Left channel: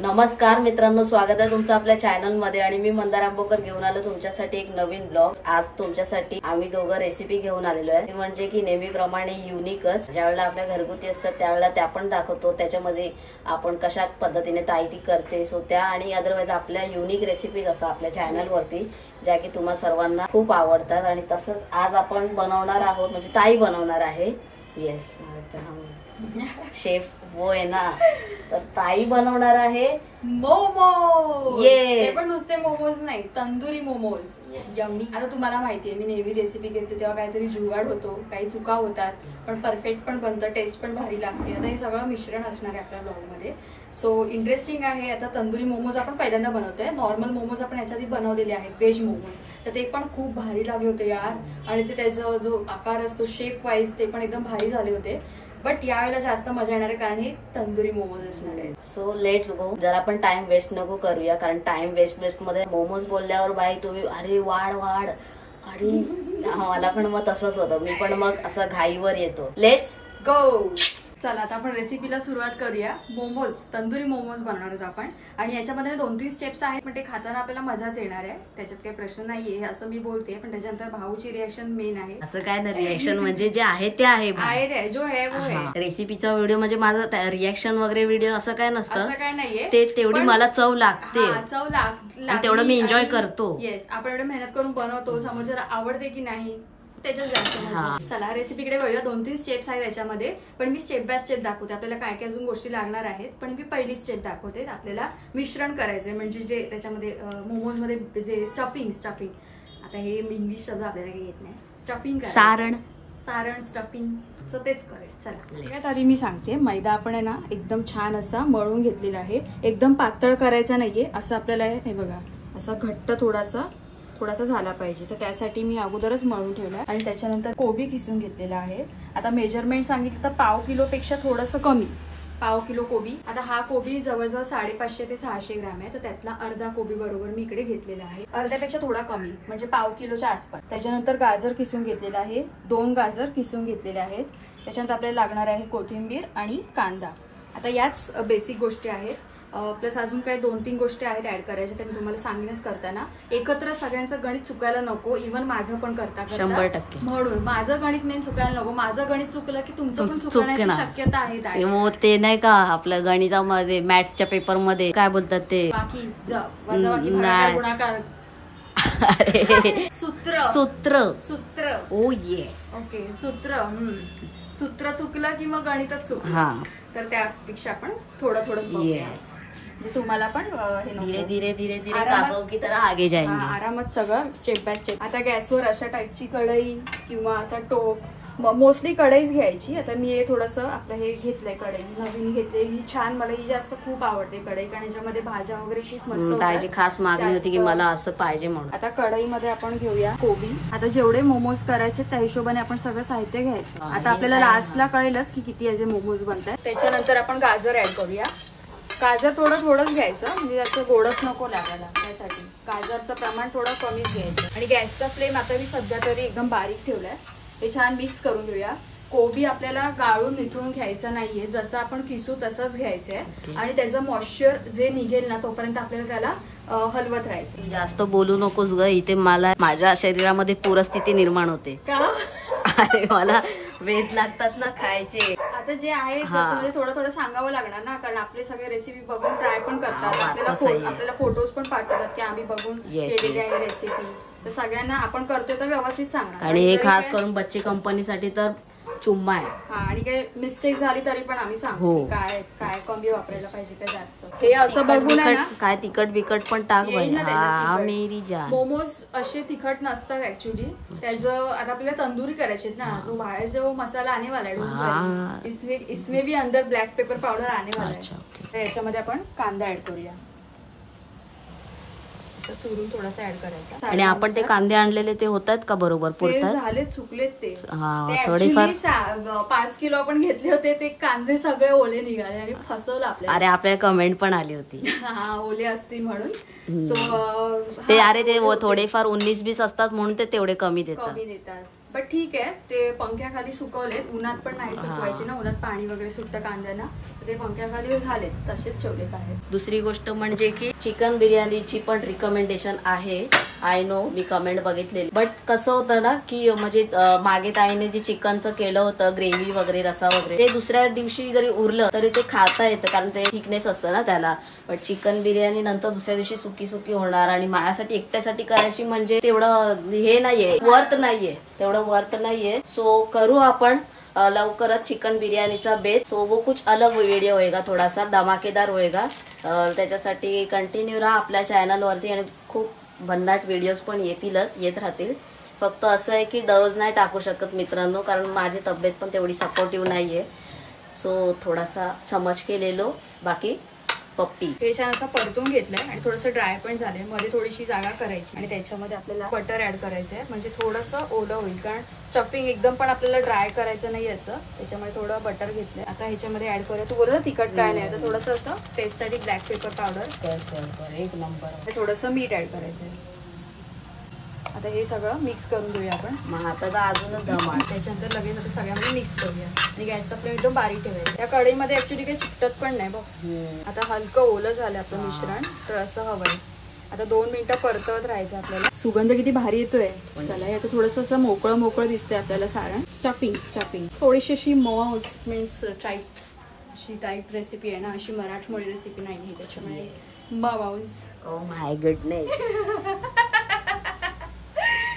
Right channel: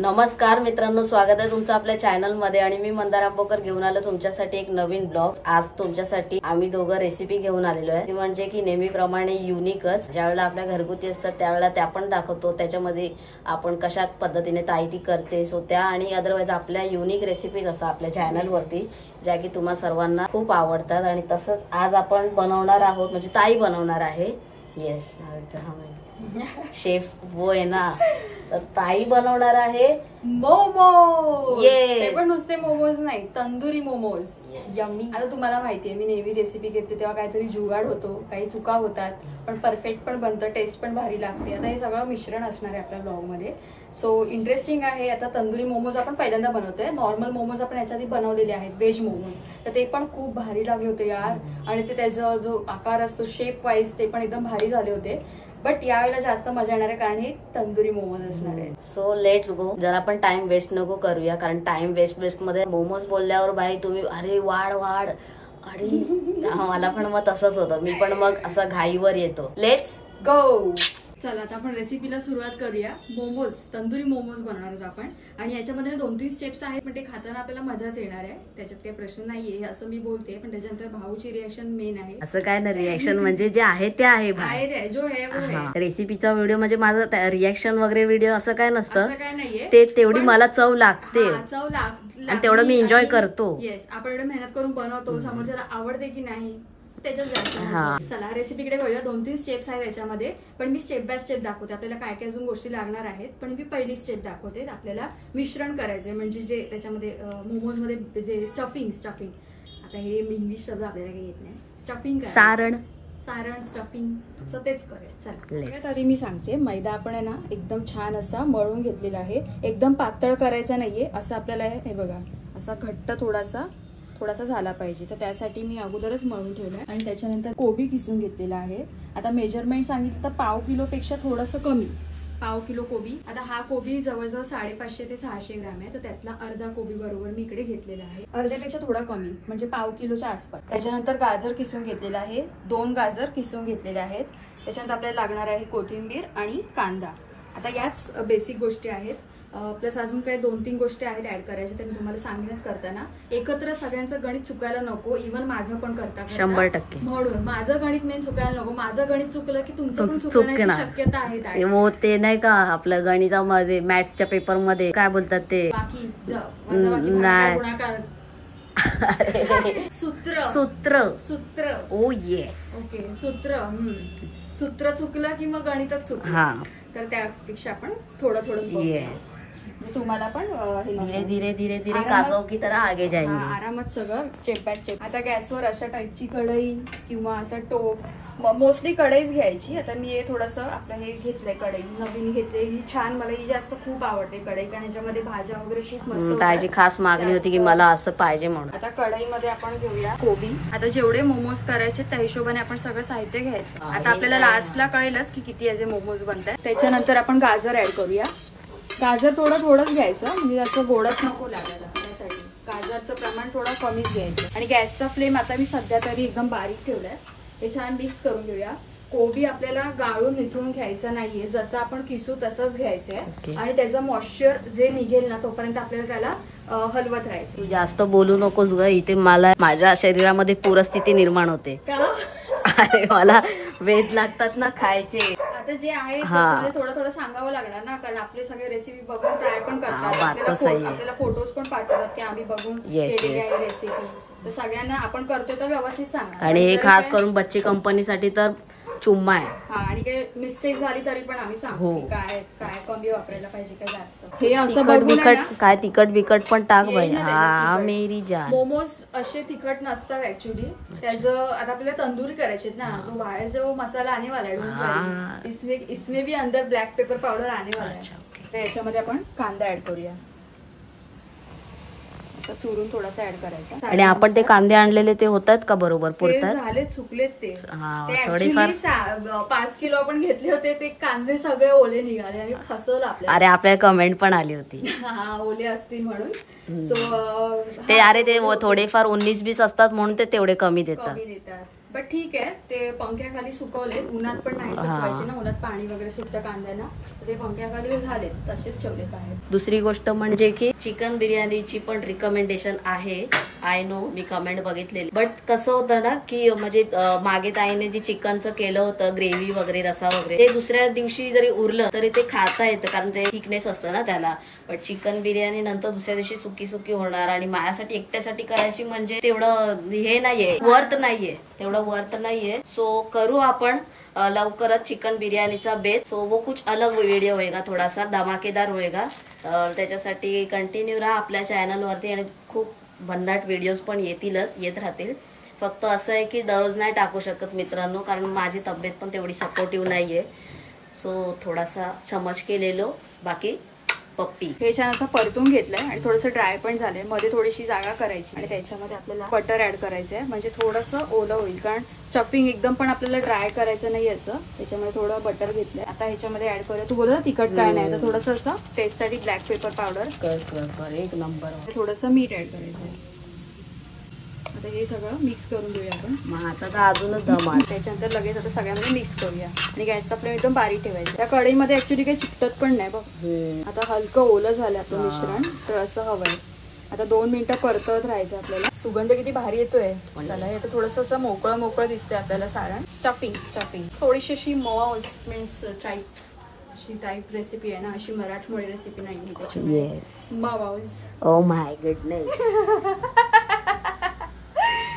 नमस्कार मित्रांनो, स्वागत आहे तुमचं आपल्या चॅनल मध्ये। आणि मी मंदार आंबोकर घेऊन आलो तुमच्यासाठी एक नवीन ब्लॉग। आज तुमच्यासाठी आम्ही दोघं रेसिपी घेऊन आलेलो आहे, म्हणजे की नेहमीप्रमाणे युनिकच। ज्यावेळेला आपल्या घरगुती असतात त्यावेळेला त्या पण दाखवतो, त्याच्यामध्ये आपण कशा पद्धतीने ताई ती करते सो त्या आणि अदरवाइज आपल्या युनिक रेसिपीज असतात आपल्या चॅनल वरती, ज्या की तुम्हा सर्वांना खूप आवडतात। आणि तसंच आज आपण बनवणार आहोत, म्हणजे ताई बनवणार आहे। येस, शेफ वो आहे ना, तर ताई बनवणार आहे मोमोज। Yes. ते पण नुसते मोमोज नाही, तंदुरी मोमोज। यम्मी। आता तुम्हाला माहितीये मी नेहमी रेसिपी घेते तेव्हा काहीतरी जुगाड होतो, काही चुका होतात, पण परफेक्ट पण बनतं, टेस्ट पण भारी लागते। आता हे सगळं मिश्रण असणार आहे आपल्या ब्लॉग मध्ये, सो इंटरेस्टिंग आहे। आता तंदुरी मोमोज आपण पहिल्यांदा बनवतोय। नॉर्मल मोमोज आपण याच्या आधी बनवलेले आहेत, व्हेज मोमोज, तर ते पण खूप भारी लागले होते यार। आणि ते त्याचा जो आकार असतो शेप वाईज ते पण एकदम भारी झाले होते। बट यावेळेला जास्त मजा येणार आहे कारण हे तंदुरी मोमोज असणार आहे। So let's go. जर आपण टाइम वेस्ट नको करूया, कारण टाइम वेस्ट मध्ये मोमोज बोलल्यावर बाई तुम्ही अरे वाढ वाढ, अरे मला पण मग तसंच होतं, मी पण मग असं घाईवर येतो। Let's go. चला आता आपण रेसिपीला सुरुवात करूया। मोमोज, तंदुरी मोमोज बनवणार आहोत आपण। आणि याच्यामध्ये 2-3 स्टेप्स आहेत, पण ते खाताना आपल्याला मजाच येणार आहे, त्याच्यात काही प्रश्न नाहीये असं मी बोलते। पण त्याच्यानंतर भाऊची रिएक्शन मेन आहे। असं काय ना, रिएक्शन म्हणजे जे आहे ते आहे, जो आहे वो आहे। रेसिपीचा व्हिडिओ म्हणजे माझं रिएक्शन वगैरे व्हिडिओ असं काय नसतं, असं काय नाहीये, ते तेवढी मला चव लागते, चव लागते, तेवढं मी एन्जॉय करतो। येस, आपण एवढं मेहनत करून बनवतो, समोरच्याला आवडते की नाही त्याच्यात जास्त। चला रेसिपीकडे वळूया। 2-3 स्टेप्स आहेत त्याच्यामध्ये, पण मी स्टेप बाय स्टेप दाखवते। आपल्याला काय काय अजून गोष्टी लागणार आहेत, पण मी पहिली स्टेप दाखवते। आपल्याला मिश्रण करायचंय, म्हणजे जे त्याच्यामध्ये मोमोज मध्ये जे स्टफिंग आता हे इंग्लिश शब्द आपल्याला काही येत नाही, स्टफिंग सारण स्टफिंग, सो तेच करेल। चला सगळ्यात आधी मी सांगते, मैदा आपण आहे ना एकदम छान असा मळून घेतलेला आहे। एकदम पातळ करायचा नाहीये, असं आपल्याला हे बघा असा घट्ट थोडासा झाला पाहिजे, तर त्यासाठी मी अगोदरच मळून ठेवलाय। आणि त्याच्यानंतर कोबी किसून घेतलेला आहे। आता मेजरमेंट सांगितलं तर पाव किलो पेक्षा थोडंसं कमी, पाव किलो कोबी। आता हा कोबी जवळजवळ 550 ते 600 ग्रॅम आहे, तर त्यातला अर्धा कोबी बरोबर मी इकडे घेतलेला आहे, अर्ध्यापेक्षा थोडा कमी, म्हणजे पाव किलोच्या आसपास। त्याच्यानंतर गाजर किसून घेतलेला आहे, 2 गाजर किसून घेतलेले आहेत। त्याच्यानंतर आपल्याला लागणार आहे कोथिंबीर आणि कांदा। आता याच बेसिक गोष्टी आहेत, प्लस अजून काही 2-3 गोष्टी आहेत ऍड करायच्या, तर मी तुम्हाला सांगेनच करताना। एकत्र सगळ्यांचं गणित चुकायला नको, इव्हन माझं पण करता 100%, म्हणून माझं गणित मेन चुकायला नको। माझं गणित चुकलं की तुमचं पण चुकण्याची शक्यता आहे। ते नाही का आपल्या गणितामध्ये मॅथ्सच्या पेपर मध्ये काय बोलतात ते, बाकी गुणाकार सूत्र ओ येस, ओके, सूत्र चुकलं की मग गणितच चुकलं, तर त्यापेक्षा आपण थोडं तुम्हाला पण धीरे धीरे कासव की तरह आगे जाएंगे, आरामात सगळं स्टेप बाय स्टेप। आता गॅसवर अशा टाईपची कढई किंवा असा टोप, मोस्टली कढईच घ्यायची। आता मी हे थोडंसं आपलं हे घेतलंय, कढई नवीन घेतली, ही छान, मला ही जास्त खूप आवडते कढई, कारण याच्यामध्ये भाज्या वगैरे खूप मस्त। ताईची खास मागणी होती की मला असं पाहिजे म्हणून। आता कढईमध्ये आपण घेऊया कोबी। आता जेवढे मोमोज करायचे त्या हिशोबाने आपण सगळं साहित्य घ्यायचं। आता आपल्याला लास्टला कळेलच की किती याचे मोमोज बनतात। त्याच्यानंतर आपण गाजर ऍड करूया। गाजर थोडंच घ्यायचं, म्हणजे असं गोडच नको लागायला, त्यासाठी गाजरचं प्रमाण थोडं कमीच घ्यायचं। आणि गॅसचा फ्लेम आता मी सध्या तरी एकदम बारीक ठेवलाय। हे छान मिक्स करून घेऊया। कोबी आपल्याला गाळून निथळून घ्यायचं नाहीये, जसं आपण किसू तसंच घ्यायचंय। आणि त्याचं मॉइश्चर जे निघेल ना तोपर्यंत आपल्याला त्याला हलवत राहायचं। जास्त बोलू नकोस ग, इथे मला माझ्या शरीरामध्ये पूरस्थिती निर्माण होते। अरे मला वेध लागतात ना खायचे। आता जे आहे थोडं सांगावं लागणार ना, कारण आपले सगळे रेसिपी बघून ट्राय पण करतात, आपल्याला फोटोज पण पाठवतात की आम्ही बघून केलेली आहे रेसिपी, तर सगळ्यांना आपण करतो तर व्यवस्थित सांगा। आणि हे खास करून बच्चे कंपनीसाठी तर चुम्मा आहे। आणि काही मिस्टेक झाली तरी पण आम्ही सांगतो काय काय कमी वापरायला पाहिजे काय जास्त, हे असं बघून काय तिखट बिकट पण टाक बाई। मेरी जान, मोमोज असे तिखट नसतात ऍक्च्युली, त्याचं आता आपल्याला तंदुरी करायचे ना, तो बाहेर जो मसाला आने वाला है, इसमें भी अंदर ब्लॅक पेपर पावडर आने वाला है। याच्यामध्ये आपण कांदा ऍड करूया, चुरून थोडासा ऍड करायचा। आणि आपण ते कांदे आणलेले ते होतात का बरोबर पुरतात? झाले, चुकलेत ते थोडेफार। 5 किलो आपण घेतले होते, ते कांदे सगळे ओले निघाले आणि फसवलं आपल्याला। अरे आपल्याला कमेंट पण आली होती ओले असतील म्हणून, सो ते अरे ते थोडेफार 19-20 असतात म्हणून ते तेवढे कमी देतात। बट ठीक आहे, ते पंख्याखाली सुकवले, उन्हात पण नाही सुकवायचे ना, उन्हात पाणी वगैरे सुटतं कांद्याला, ते पंख्याखाली झालेत, तसेच ठेवलेत आहेत. दुसरी गोष्ट म्हणजे की चिकन बिर्याणीची पण रिकमेंडेशन आहे. आय नो, मी कमेंट बघितलेली. बट कसं होतं ना की म्हणजे मागे ताईने जे चिकनचं केलं होतं ग्रेव्ही वगैरे, रसा वगैरे, ते दुसऱ्या दिवशी जरी उरलं तरी ते खाता येतं, कारण ते थिकनेस असतं ना त्याला. बट चिकन बिर्याणी नंतर दुसऱ्या दिवशी सुकी सुकी होणार, आणि माझ्यासाठी एकट्यासाठी करायची म्हणजे तेवढं हे नाहीये, वर्थ नाहीये, तेवढं वर्थ नाहीये. सो करू आपण लवकरच चिकन बिर्याणीचा बेस. सो वो कुछ अलग वीडियो होएगा, थोडासा धमाकेदार होएगा. त्याच्यासाठी कंटिन्यू राहा आपल्या चॅनल वरती, आणि खूप भन्नाट व्हिडिओज पण येत राहतील. फक्त असं आहे की दररोज नाही टाकू शकत मित्रांनो, कारण माझी तब्येत पण तेवढी सपोर्टिव्ह नाहीये. सो थोडासा समज केलेलो. बाकी पप्पी हे छान असं परतून घेतलंय आणि थोडंसं ड्राय पण झालंय, मध्ये थोडीशी जागा करायची आणि त्याच्यामध्ये आपल्याला बटर ऍड करायचं आहे, म्हणजे थोडंसं ओलं होईल, कारण स्टफिंग एकदम पण आपल्याला ड्राय करायचं नाही असं, त्याच्यामुळे थोडं बटर घेतलंय. आता ह्याच्यामध्ये ऍड करूया, थोडं तिखट काय नाही, तर थोडंसं असं टेस्टसाठी ब्लॅक पेपर पावडर, एक नंबर, थोडंसं मीठ ऍड करायचं आहे. आता हे सगळं मिक्स करून घेऊया आपण. मग आता तर अजूनच दम आहे. त्याच्यानंतर लगेच आता सगळ्यांमध्ये मिक्स करूया आणि गॅसचा फ्लेम एकदम बारीक ठेवायचा. त्या कढईमध्ये ऍक्च्युली काही चिकटत पण नाही बघ. आता हलकं ओलं झालं आपलं मिश्रण, तर असं हवंय. आता 2 मिनिटं परतवत राहायचं आपल्याला. सुगंध किती भारी येतोय. चला, आता थोडंसं असं मोकळं मोकळं दिसतंय आपल्याला सारण. स्टफिंग थोडीशी अशी मॉस मीन्स टाईप रेसिपी आहे ना, अशी मराठमोळी रेसिपी नाही आहे त्याच्यामध्ये. मावाज, ओ माय गुडनेस,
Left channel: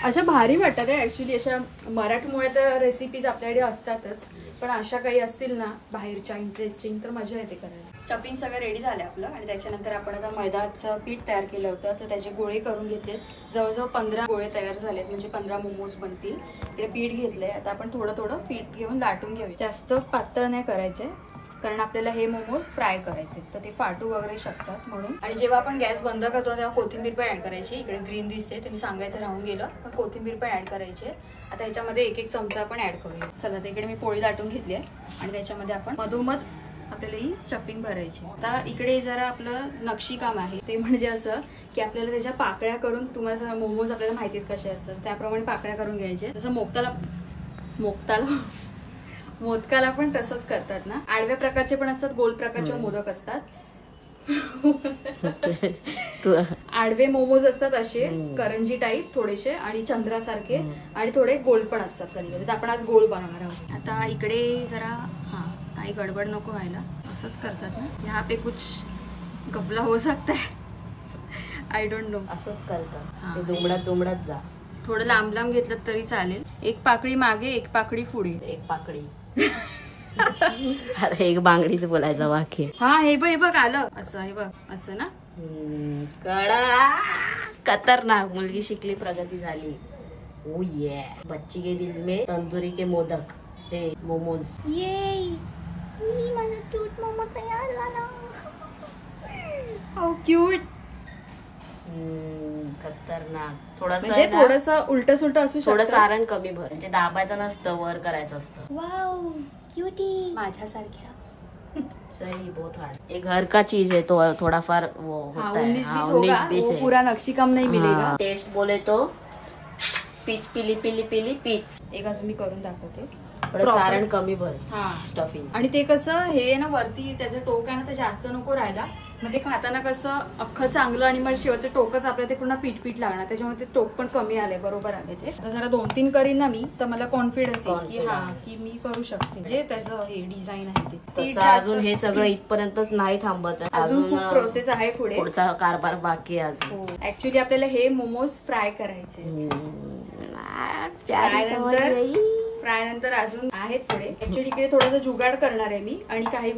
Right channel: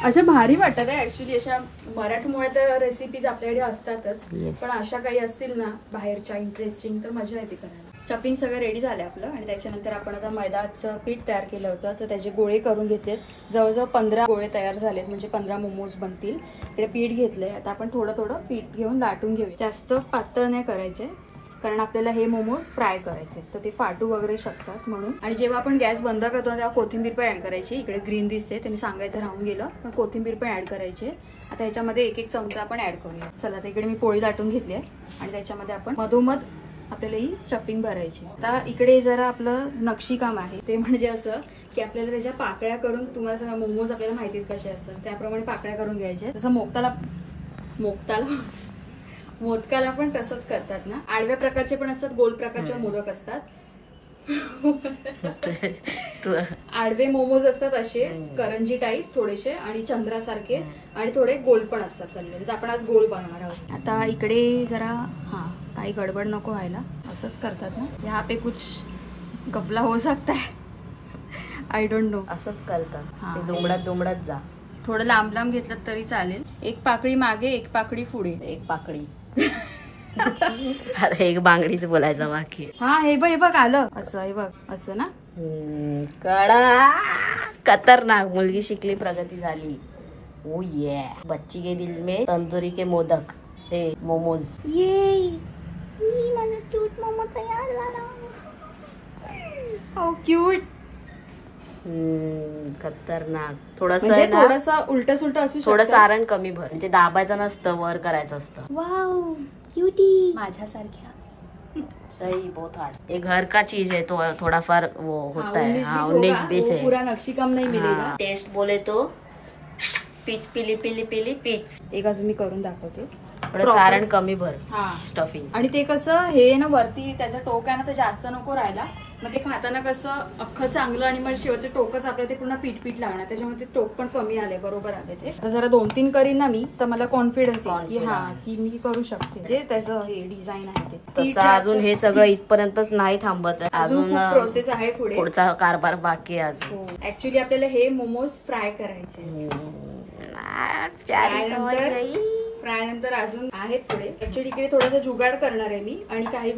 अशा भारी वाटतात आहे ऍक्च्युली. अशा मराठमोळ्या तर रेसिपीज आपल्याकडे असतातच, पण अशा काही असतील ना बाहेरच्या इंटरेस्टिंग, तर मजा येते करायला. स्टफिंग सगळं रेडी झालं आपलं, आणि त्याच्यानंतर आपण आता मैदाचं पीठ तयार केलं होतं, तर त्याचे गोळे करून घेतले. जवळजवळ 15 गोळे तयार झालेत, म्हणजे 15 मोमोज बनतील. इकडे पीठ घेतलंय. आता आपण थोडं थोडं पीठ घेऊन लाटून घेऊया. जास्त पातळ नाही करायचंय, कारण आपल्याला हे मोमोज फ्राय करायचे, तर ते फाटू वगैरे शकतात म्हणून. आणि जेव्हा आपण गॅस बंद करतो तेव्हा कोथिंबीर पण ऍड करायची. इकडे ग्रीन दिसते, ते मी सांगायचं राहून गेलं, पण कोथिंबीर पण ऍड करायची. आता ह्याच्यामध्ये 1-1 चमचा आपण ऍड करूया. चला, आता इकडे मी पोळी लाटून घेतली आहे, आणि त्याच्यामध्ये आपण मधोमध आपल्याला ही स्टफिंग भरायची. आता इकडे जरा आपलं नक्षीकाम आहे, ते म्हणजे असं की आपल्याला त्याच्या पाकळ्या करून, तुम्हाला मोमोज आपल्याला माहितीत कसे असतात त्याप्रमाणे पाकळ्या करून घ्यायच्या. जसं मोदकाला पण तसंच करतात ना. आडव्या प्रकारचे पण असतात, गोल प्रकारचे मोदक असतात. आडवे मोमोज असतात असे करंजी टाईप थोडेसे, आणि चंद्रासारखे, आणि थोडे गोल पण असतात कधी. तर आपण आज गोल बनवणार आहोत. आता इकडे जरा काही गडबड नको व्हायला, असंच करतात ना. यहाँ पे कुछ गफला हो सकता है, आय डोंट नो. असंच करतात, दुमडत जा. थोडं लांब लांब घेतलं तरी चालेल. 1 पाकळी मागे, 1 पाकळी पुढे. 1 पाकळी अरे 1 बांगडीच बोलायचं बाकी. हे बघ आलं असं, हे बघ असं ना. कडा खतरनाक. मुलगी शिकली, प्रगती झाली. ओ ये बच्ची के दिल में तंदुरी के मोदक, हे मोमोज. ये माझा क्यूट मोमो तयार झाला. How cute. खतरनाक. थोडस उलट सुलट असू शकतं. थोडं सारण कमी भर, ते दाबायचं नसतं, वर करायचं असतं. वाव क्यूटी, माझ्यासारख्या. सही, बहुत हार्ड. एक घर का चीज है, तो थोड़ा फार वो होता है. 19-20 है, पूरा नक्शीकाम नहीं मिलेगा. टेस्ट बोले तो पीच पिली पीच. एक अजून मी करून दाखवते. थोडं सारण कमी भर, स्टफिंग. आणि ते कसं हे ना वरती त्याचं टोक आहे ना, तर जास्त नको राहायला. मग ते खाताना कसं अख्खं चांगलं, आणि मग शेवटचं टोकच आपल्या ते पूर्ण पीठ लागणार, त्याच्यामुळे ते टोक पण कमी आले, बरोबर आले ते. आता जरा 2-3 करीन ना मी, तर मला कॉन्फिडन्स येईल की मी करू शकते. जे त्याचं हे डिझाईन आहे ते तसं. अजून हे सगळं इथपर्यंतच नाही थांबत, अजून प्रोसेस आहे पुढे, पुढचा कारभार बाकी आहे अजून. ऍक्च्युली आपल्याला हे मोमोज फ्राय करायचे. फ्राय नंतर अजून आहेत पुढे. ऍक्च्युली इकडे थोडासा जुगाड करणार आहे मी, आणि काही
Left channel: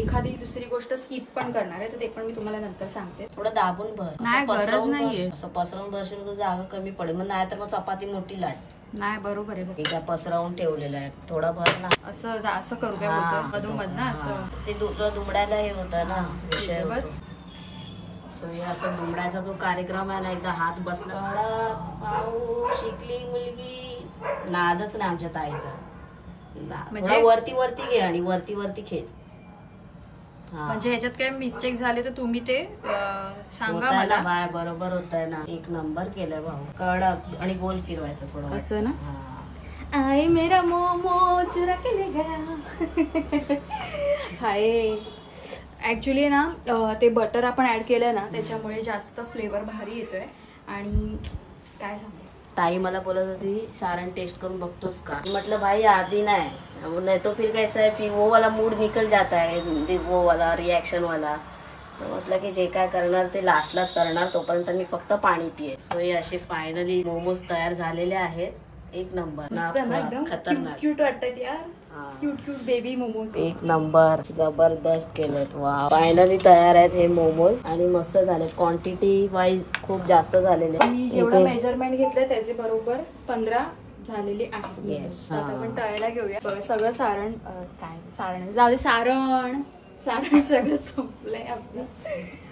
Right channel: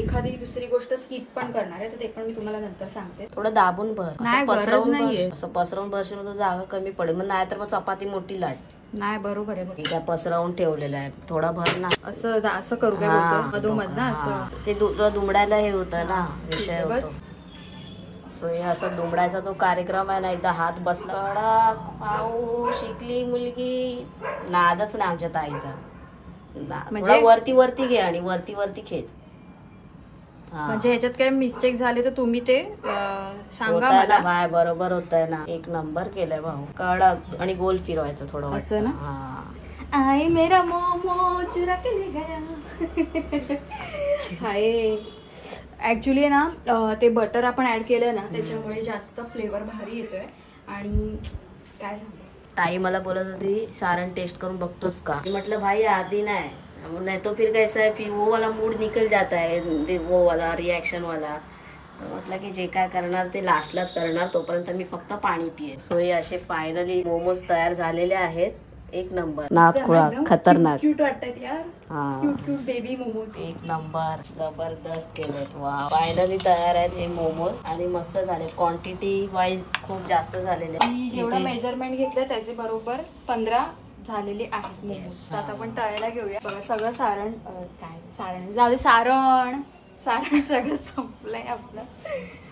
एखादी दुसरी गोष्ट स्किप पण करणार आहे, तर ते पण मी तुम्हाला नंतर सांगते. थोडं दाबून भर, नाही गरज नाहीये. असं पसरवून भरशील तर जागा कमी पडेल, मग नाही तर मग चपाती मोठी लाट. नाही, बरोबर आहे. बघ, पसरवून ठेवलेलं आहे, थोडा भर ना. असं करू काय मधोमध ना, असं ते दुमडायला हे होतं ना, विषय बस. हे असं दुमडायचा जो कार्यक्रम आहे ना, एकदा हात बसला, शिकली मुलगी, नादच नाही आमच्या ताईचा. म्हणजे वरती घे आणि वरती खेच. म्हणजे ह्याच्यात काय मिस्टेक झाले तर तुम्ही ते सांगा मला. बरोबर होतंय ना, 1 नंबर केलंय भाऊ. कडक आणि गोल फिरवायचं थोडं, असं ना. आए मेरा मोमो चुरा के ले गया. हाय ऍक्च्युली ना ते बटर आपण ऍड केलं ना त्याच्यामुळे जास्त फ्लेवर भारी येतोय. आणि काय सांगू, ताई मला बोलत होती सारण टेस्ट करून बघतोस का. म्हटलं भाई आधी नहीं तो फिर कैसा है, फिर वो वाला मूड निकल जाता है, वो वाला रिएक्शन वाला. म्हटलं की जे काय करणार ते लास्टलाच करणार, तोपर्यंत मी फक्त पाणी पिये. सो हे असे फायनली मोमोज तयार झालेले आहेत. एक नंबर, खतरनाक क्यूट वाटतात यार. क्यूट क्यूट बेबी मोमोज एक नंबर, जबरदस्त केलेत. वा फायनली तयार आहेत हे मोमोज आणि मस्त झाले. क्वांटिटी वाईज खूप जास्त झालेले. मी जेवढं मेजरमेंट घेतलं त्याचे बरोबर 15 झालेले आहेत. आता आपण तळायला घेऊया. सगळं सारण जाऊ दे, सारण सगळं संपलंय आपलं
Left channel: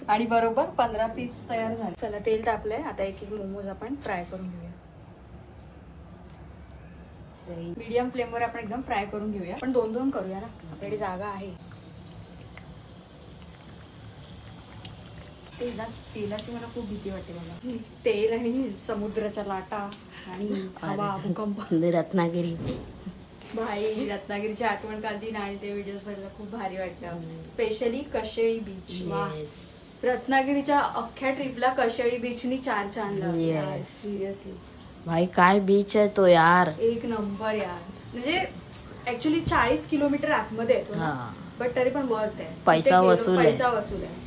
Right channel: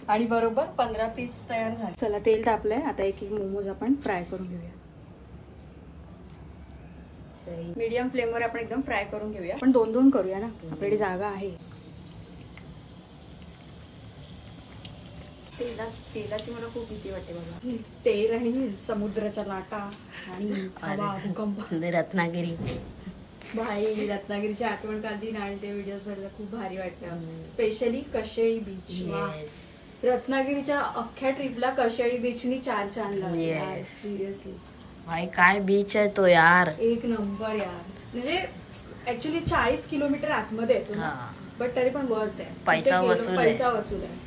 आणि बरोबर 15 पीस तयार झाले. चला तेल तापलंय, आता एक एक मोमोज आपण फ्राय करून घेऊया. मीडियम फ्लेम वर आपण एकदम फ्राय करून घेऊया. पण 2-2 करूया ना, आपल्याकडे जागा आहे. तेलाची मला खूप भीती वाटते. मला तेल आणि समुद्राच्या लाटा आणि हवा, भूकंप. रत्नागिरी भाई रत्नागिरीची आठवण काढली ना आणि ते व्हिडिओज बघायला खूप भारी वाटतं. Specially Kasheli beach. रत्नागिरीच्या अख्ख्या ट्रिपला कशेळी बीचनी 4 चांद लावले. सिरियसली भाई काय बीच आहे तो यार, एक नंबर यार. म्हणजे ऍक्च्युली 40 किलोमीटर आतमध्ये येतो ना, बट तरी पण वर्थ आहे. पैसा वसूल आहे.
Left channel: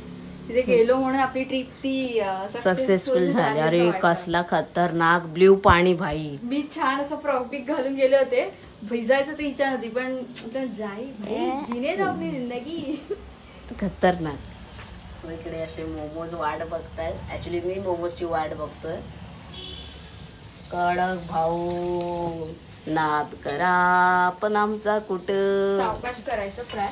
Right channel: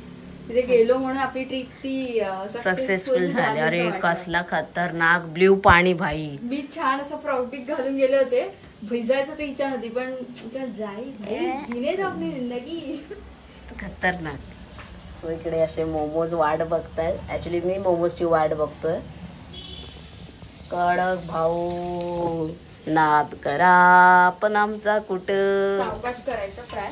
तिथे गेलो म्हणून आपली ट्रिप ती सक्सेसफुल झाली. अरे कसला खतरनाक ब्ल्यू पाणी भाई. मी छान असं प्रॉपिक घालून गेले होते. भिजायचं तर इच्छा नव्हती, पण जाई जिने आपली जिंदगी. खतरनाक. सो इकडे असे मोमोज वाट बघतायत. ऍक्च्युली मी मोमोजची वाट बघतोय. कडक भाऊ नाद करा पण आमचा कुठं. सावकाश करायचं फ्राय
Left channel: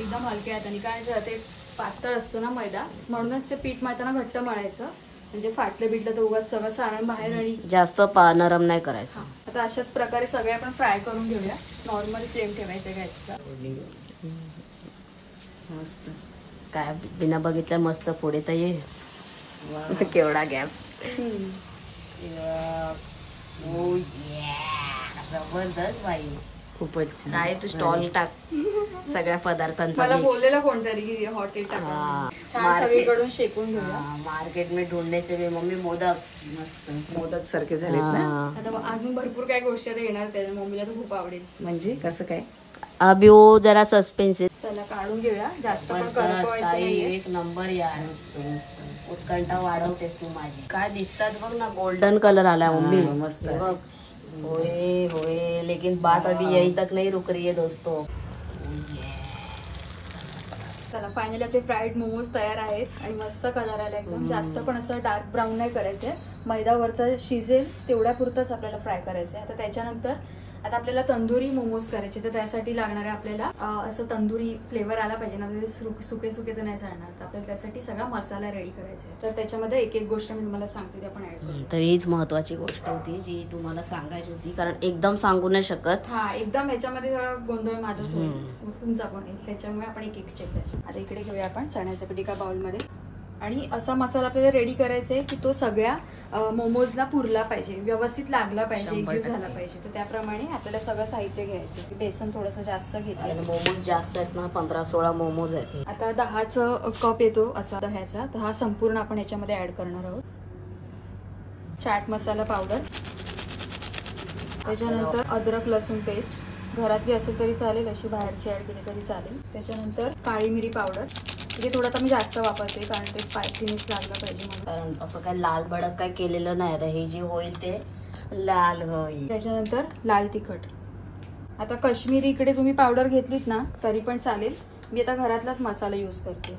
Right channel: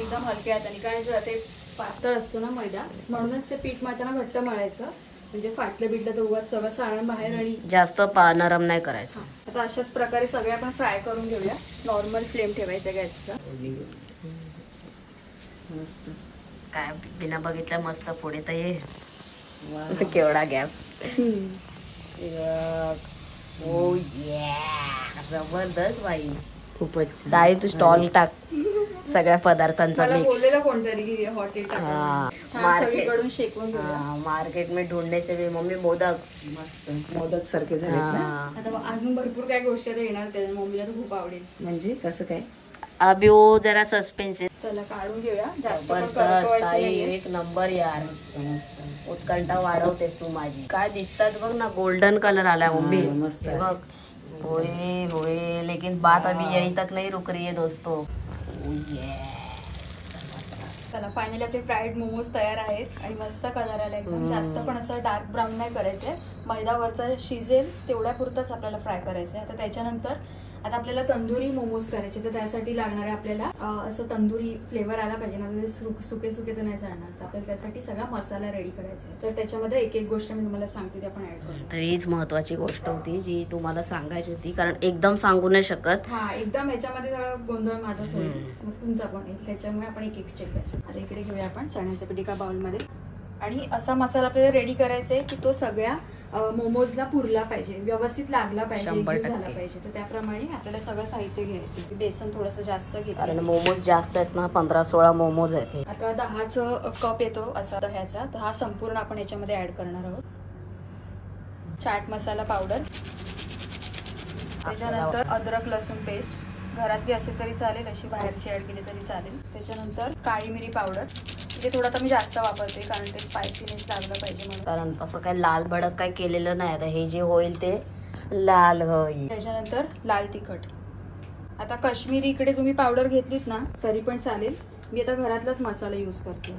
एकदम हलक्या हाताने, कारण ते पातळ असतो ना मैदा, म्हणूनच ते पीठ मळताना घट्ट मळायचं. म्हणजे फाटलं बिटलं तर उगाच सगळं सारण बाहेर आणि जास्त नरम नाही करायचं. आता अशाच प्रकारे सगळे आपण फ्राय करून घेऊया. नॉर्मल फ्लेम ठेवायचं गॅसचा. मस्त काय बिना बघितल्या मस्त पुढे तर ये. केवढा गॅप. जबरदस्त बाई, खूपच. ताई तू स्टॉल टाक सगळ्या पदार्थांचा. मला बोललेलं कोणतरी हॉटेल सगळीकडून शेकून. मार्केट में ढूंढने से भी मम्मी मोदक मस्त मोदक सारखे झाले ना. आता अजून भरपूर काय गोष्टी येणार त्याच्या. मम्मीला तर खूप आवडेल. म्हणजे कसं काय अभी वो जरा सस्पेन्स. चला काढून घेऊया. जास्त एक नंबर यार. उत्कंठा वाढवतेस तू माझी. काय दिसतात बघ ना, गोल्डन कलर आला मम्मी. मस्त बघ. होय होय, लेकिन बात अभी यही तक नहीं रुक रही है दोस्तों. चला फायनली आपले फ्राईड मोमोज तयार आहेत आणि मस्त कलर आला एकदम. जास्त पण असं डार्क ब्राऊन नाही करायचंय. मैदावरचा शिजेल तेवढ्या पुरतच आपल्याला फ्राय करायचंय. आता त्याच्यानंतर आता आपल्याला तंदुरी मोमोज करायचे, तर त्यासाठी लागणार आहे आपल्याला असं तंदुरी फ्लेवर आला पाहिजे ना. सुके सुके तर नाही चालणार, तर आपल्याला त्यासाठी सगळा मसाला रेडी करायचा आहे. तर त्याच्यामध्ये एक एक गोष्ट मी तुम्हाला सांगते, ते आपण ऍड करू. तर हीच महत्वाची गोष्ट होती जी तुम्हाला सांगायची होती, कारण एकदम सांगू नाही शकत. हा एकदम ह्याच्यामध्ये सगळं गोंधळ माझाच होईल, तुमचा पण येईल. त्याच्यामुळे आपण एक एक स्टेप द्यायचो. आता इकडे घेऊया आपण चण्याचं पीठ एका बाउलमध्ये. आणि असा मसाला आपल्याला रेडी करायचा आहे की तो सगळ्या मोमोजला पुरला पाहिजे, व्यवस्थित लागला पाहिजे, एकजीव झाला पाहिजे. तर त्याप्रमाणे आपल्याला सगळं साहित्य घ्यायचं. बेसन थोडंसं जास्त घेतलं, कारण मोमोज जास्त आहेत ना, 15-16 मोमोज आहेत. आता 10चा कप येतो असा दह्याचा, तर हा संपूर्ण आपण याच्यामध्ये ऍड करणार आहोत. चाट मसाला पावडर, त्याच्यानंतर अद्रक लसूण पेस्ट, घरातली असेल तरी चालेल, अशी बाहेरची ऍड केली तरी चालेल. त्याच्यानंतर काळी मिरी पावडर, म्हणजे थोडं आता मी जास्त वापरते कारण ते स्पायसीनेस लागलं पाहिजे म्हणून. कारण असं काय लाल भडक काय केलेलं नाही, आता हे जे होईल ते लाल होईल. त्याच्यानंतर लाल तिखट. आता काश्मीरी इकडे तुम्ही पावडर घेतलीत ना तरी पण चालेल, मी आता घरातलाच मसाला यूज करते.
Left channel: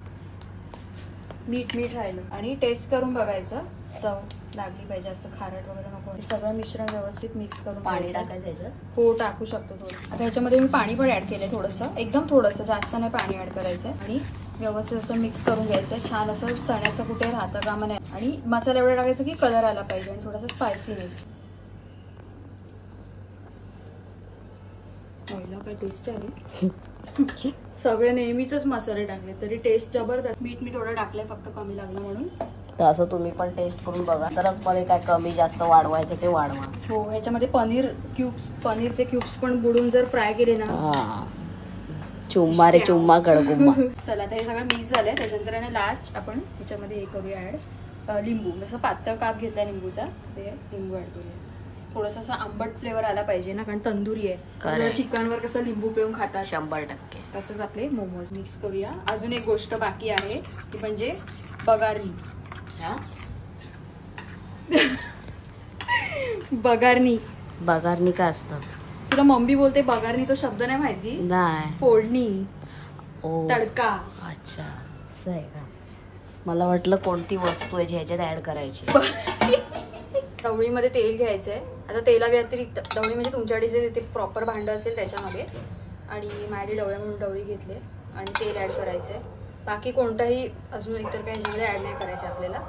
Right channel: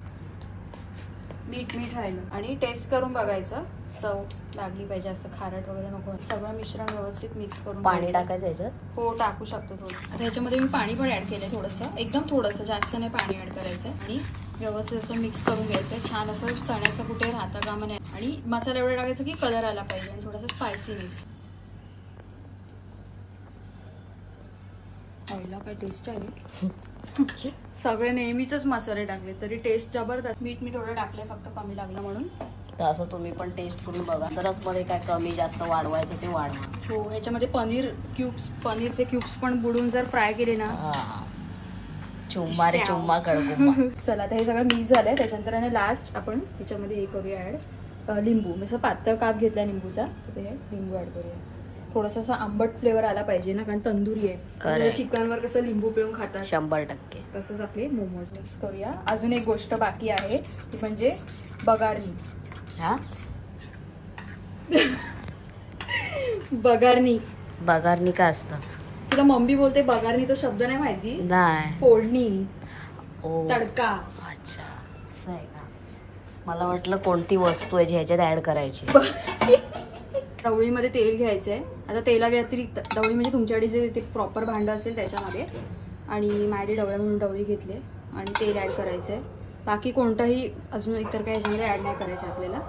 मीठ राहिलं आणि टेस्ट करून बघायचं, चव लागली पाहिजे, असं खारट वगैरे नको. सगळं मिश्रण व्यवस्थित मिक्स करून पाणी टाकायचं याच्यात. हो टाकू शकतो थोडं. आता ह्याच्यामध्ये मी पाणी पण ऍड केलं थोडंसं, एकदम थोडंसं, जास्त नाही पाणी ऍड करायचं आणि व्यवस्थित असं मिक्स करून घ्यायचं. छान असं चण्याचं कुठे राहतं कामा नये आणि मसाला एवढा टाकायचा की कलर आला पाहिजे आणि थोडासा स्पायसीनेस. काय टेस्ट आली सगळे नेहमीच मसाले टाकले तरी टेस्ट जबरदस्त. मीठ मी थोडं टाकलंय फक्त कमी लागलं म्हणून. तर असं तुम्ही पण टेस्ट करून बघा. तरच मध्ये काय कमी जास्त वाढवायचं ते वाढवा. हो, याच्यामध्ये पनीरचे क्यूब्स पण बुडून जर फ्राय केले ना, चुम्मा रे चुम्मा गळगुम्मा. चला आता हे सगळं मिक्स झालंय. त्याच्यानंतर लास्ट आपण ह्याच्यामध्ये हे करूया ऍड लिंबू. जसं पातळ काप घेतलाय लिंबूचा, तर लिंबू ऍड करूया. थोडासा असं आंबट फ्लेवर आला पाहिजे ना, कारण तंदुरी आहे. चिकनवर कसं लिंबू पिळून खातात 100%. तसंच आपले मोमोज मिक्स करूया. अजून एक गोष्ट बाकी आहे ती म्हणजे बगारनी. बगारनी काय असतं? तुला मम्मी बोलते बगारनी, तो शब्द नाही माहिती? नाही. फोडणी, तडका. अच्छा, असं आहे का? मला वाटलं कोणती वस्तू आहे जी ह्याच्यात ऍड करायची. तवळीमध्ये तेल घ्यायचंय. आता तेला व्यतिरिक्त तवळी म्हणजे तुमच्याकडे जे ते प्रॉपर भांडं असेल त्याच्यामध्ये, आणि माझी डवळे म्हणून डवळी घेतली आणि तेल ऍड करायचंय. बाकी कोणताही अजून इतर काही ह्याच्यामध्ये ऍड नाही करायचं आपल्याला,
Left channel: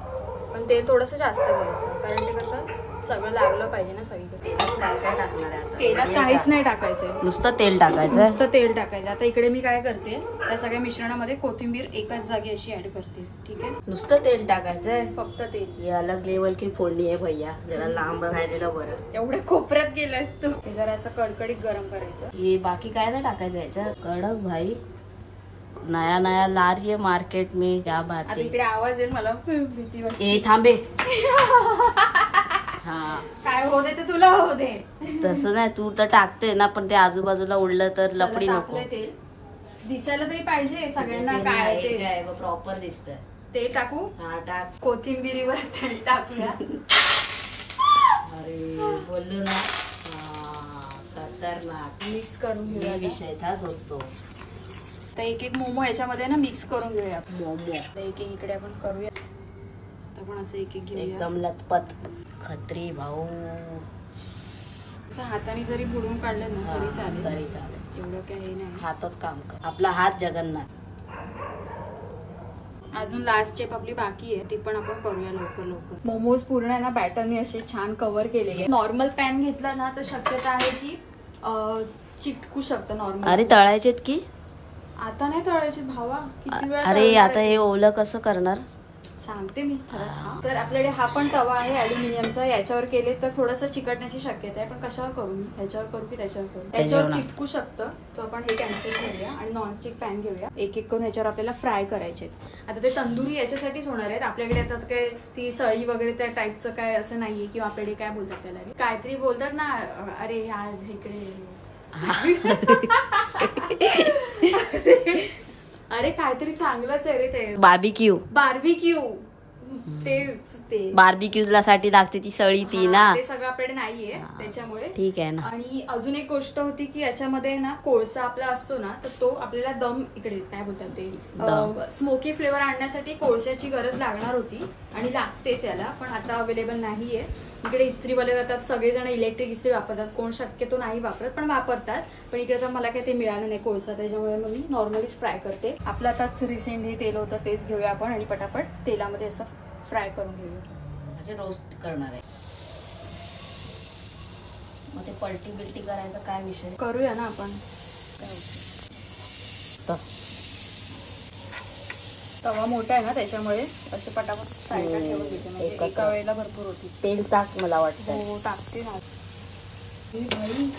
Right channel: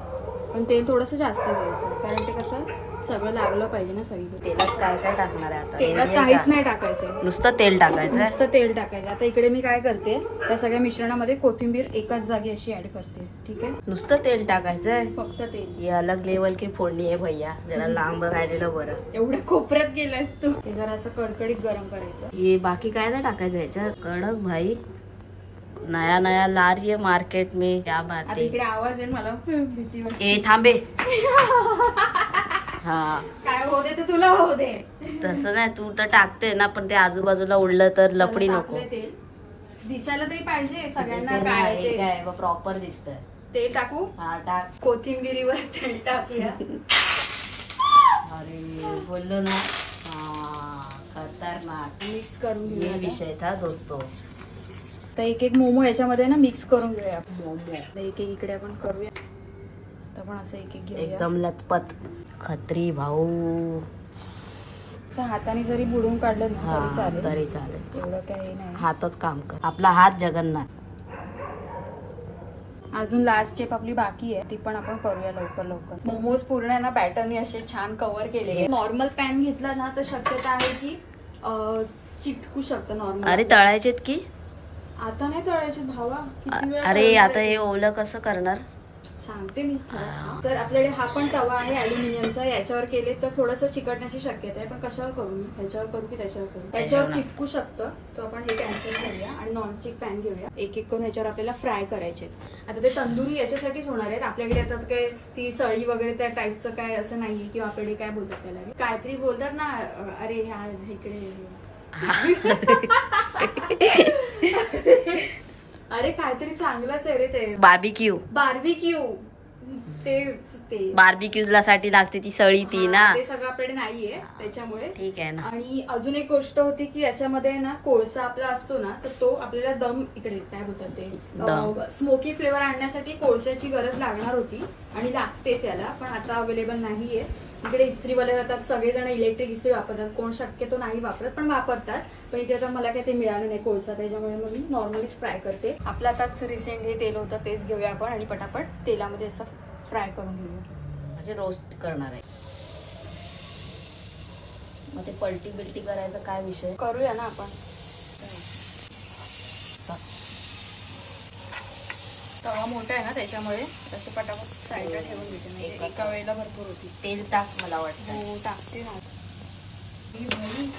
पण तेल थोडंसं जास्त घ्यायचं कारण ते कसं सगळं लागलं पाहिजे ना सगळी. तेलात काय काय टाकणार आहे आता? तेलात काहीच नाही टाकायचं, नुसतं तेल टाकायचं. नुसतं तेल टाकायचं. आता इकडे मी काय करते, त्या सगळ्या मिश्रणामध्ये कोथिंबीर एकाच जागी अशी ऍड करते. ठीक आहे, नुसतं तेल टाकायचंय, फक्त तेल. ये अलग लेवल की फोडणी आहे भैया. जरा लांब राहिलेलं बरं. एवढ्या कोपऱ्यात गेलास तू. ते जरा असं कडकडीत गरम करायचं. ये बाकी काय नाही टाकायचं याच्यात. कडक भाई, नया नया ला रही है मार्केट में. क्या बात है. इकडे आवाज येईल, मला भीती वाटते. ए थांबे. हा, काय होते ते तुला होऊ दे. तसं नाही, तू तर टाकते ना, पण ते आजूबाजूला उडलं तर लपडी नको. तेल दिसायला तरी पाहिजे सगळ्यांना. काय ते काय प्रॉपर दिसतंय. तेल टाकू? हा टाक. कोथिंबीरीवर तेल टाकूया. अरे बोललो ना, खतरनाक. मिक्स करून घेऊया विषय था दोस्तो. तर एक एक मोमो ह्याच्यामध्ये ना मिक्स करून घेऊया. मोमो एक एक इकडे आपण करूया. तर पण असं एक एक घेऊया. एकदम लतपत खत्री भाऊ. असं हाताने जरी बुडून काढलं ना तरी चालेल. एवढं काही नाही. हातच काम कर. आपला हात जगन्नाथ. अजून लास्ट स्टेप आपली बाकी आहे, ती पण आपण करूया लवकर लवकर. मोमोज पूर्ण आहे ना बॅटरने असे छान कव्हर केले. नॉर्मल पॅन घेतला ना तर शक्यता आहे की चिटकू शकतं नॉर्मल. अरे तळायचेत की आता नाही तळायचे भावा, किती वेळ. अरे आता हे ओलं कसं करणार सांगते मी. तर आपल्याकडे हा पण तवा आहे अल्युमिनियमचा. याच्यावर केले तर थोडंसं चिकटण्याची शक्यता आहे, पण कशावर करू मी? ह्याच्यावर करू की त्याच्यावर करू? त्याच्यावर चिटकू शकतं, तर आपण हे कॅन्सल करूया आणि नॉनस्टिक पॅन घेऊया. एक एक करून ह्याच्यावर आपल्याला फ्राय करायचे. आता ते तंदुरी याच्यासाठीच होणार आहेत. आपल्याकडे आता काय ती सळी वगैरे त्या टाईपचं काय असं नाहीये, किंवा आपल्याकडे काय बोलतात त्याला, काहीतरी बोलतात ना. अरे आज इकडे अरे काहीतरी चांगलंच आहे रे ते. बार्बिक्यू. ते बार्बिक्यू साठी लागते ती सळी ती ना. ते सगळं आपल्याकडे नाहीये त्याच्यामुळे. ठीक आहे ना. आणि अजून एक गोष्ट होती की याच्यामध्ये ना कोळसा आपला असतो ना, तर तो आपल्याला दम, इकडे काय बोलतात ते, स्मोकी फ्लेवर आणण्यासाठी कोळशाची गरज लागणार होती आणि लागतेच याला, पण आता अवेलेबल नाहीये. इकडे इस्त्रीवाले जातात, सगळेजण इलेक्ट्रिक इस्त्री वापरतात, कोण शक्यतो नाही वापरत पण वापरतात. पण इकडे तर मला काय ते मिळालं नाही कोळसा, त्याच्यामुळे मग मी नॉर्मलीच फ्राय करते. आपलं आताच रिसेंटली तेल होतं तेच घेऊया आपण आणि पटापट तेलामध्ये असं फ्राय करून घेऊया. म्हणजे रोस्ट करणार आहे. मग ते पलटी बिलटी करायचं काय विषय? करूया ना आपण. तवा मोठा आहे ना त्याच्यामुळे असे पटापट साईडला ठेवून देते. एका वेळेला भरपूर होती. तेल टाक मला वाटतं. हो टाकते ना. ही भाई,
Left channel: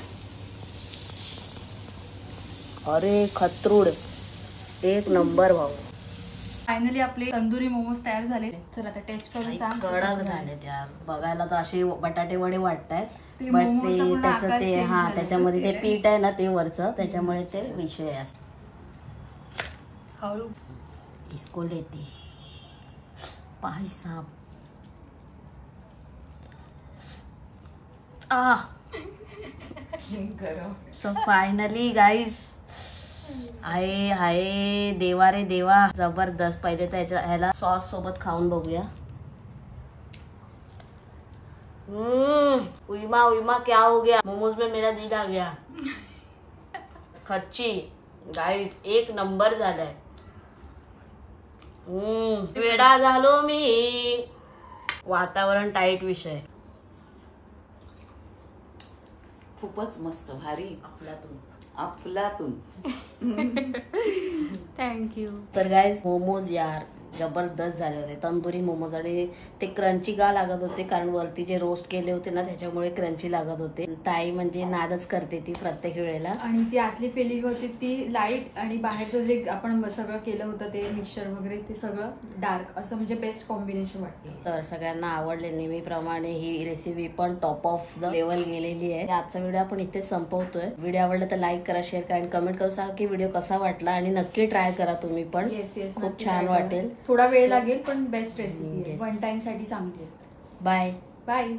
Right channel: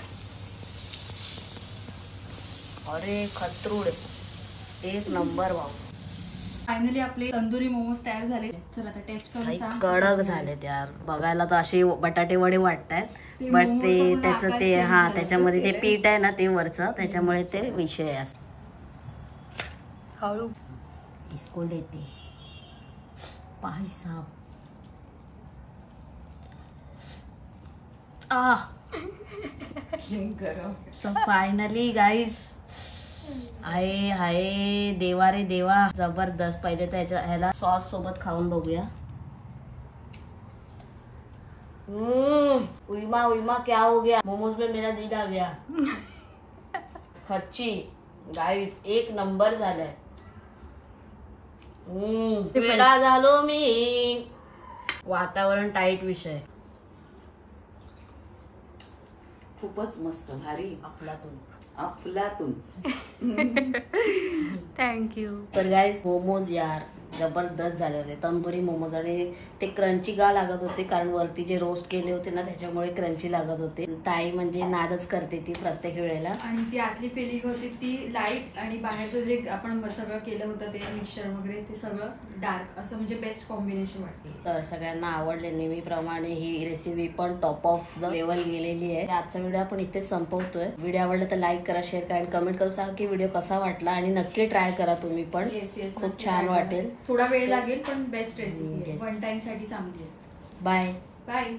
अरे खतरूड, एक नंबर भाऊ. फायनली आपले तंदुरी मोमोज तयार झाले. चल आता टेस्ट करून सांग. कडक झाले यार. बघायला तर असे बटाटे वडे वाटतात, बट ते त्याचं ते त्याच्यामध्ये ते पीठ आहे ना ते वरचं, त्याच्यामुळे ते विषय असतो. हळू इसको लेते भाई साहब. सो फायनली गाईज, आहे हाय देवा रे देवा, जबरदस्त. पहिले त्याच्या ह्याला सॉस सोबत खाऊन बघूया. उइमा उइमा क्या हो गया, मोमोज में मेरा दिल आ गया. खच्ची गाईज, एक नंबर झालाय. वेडा झालो मी. वातावरण टाईट विषय. खूपच मस्त भारी. आपल्यातून अफलातून. थँक्यू. तर गाईज मोमोज यार जबरदस्त झाले होते, तंदुरी मोमोज, आणि ते क्रंची का लागत होते कारण वरती जे रोस्ट केले होते ना त्याच्यामुळे क्रंची लागत होते. ताई म्हणजे नादच करते ती प्रत्येक वेळेला. आणि ती आतली फिलिंग होती ती लाईट आणि बाहेरचं जे आपण सगळं केलं होतं ते मिक्सचर वगैरे ते सगळं डार्क, असं म्हणजे बेस्ट कॉम्बिनेशन वाटते. तर सगळ्यांना आवडले. नेहमीप्रमाणे ही रेसिपी पण टॉप ऑफ द लेवल गेलेली आहे. आजचा व्हिडिओ आपण इथेच संपवतोय. व्हिडिओ आवडला तर लाईक करा, शेअर करा आणि कमेंट करून सांगा की व्हिडिओ कसा वाटला, आणि नक्की ट्राय करा तुम्ही पण. खूप छान वाटेल. थोडा वेळ लागेल पण बेस्ट रेसिपी वन टाइम साठी चांगली आहे. Bye bye.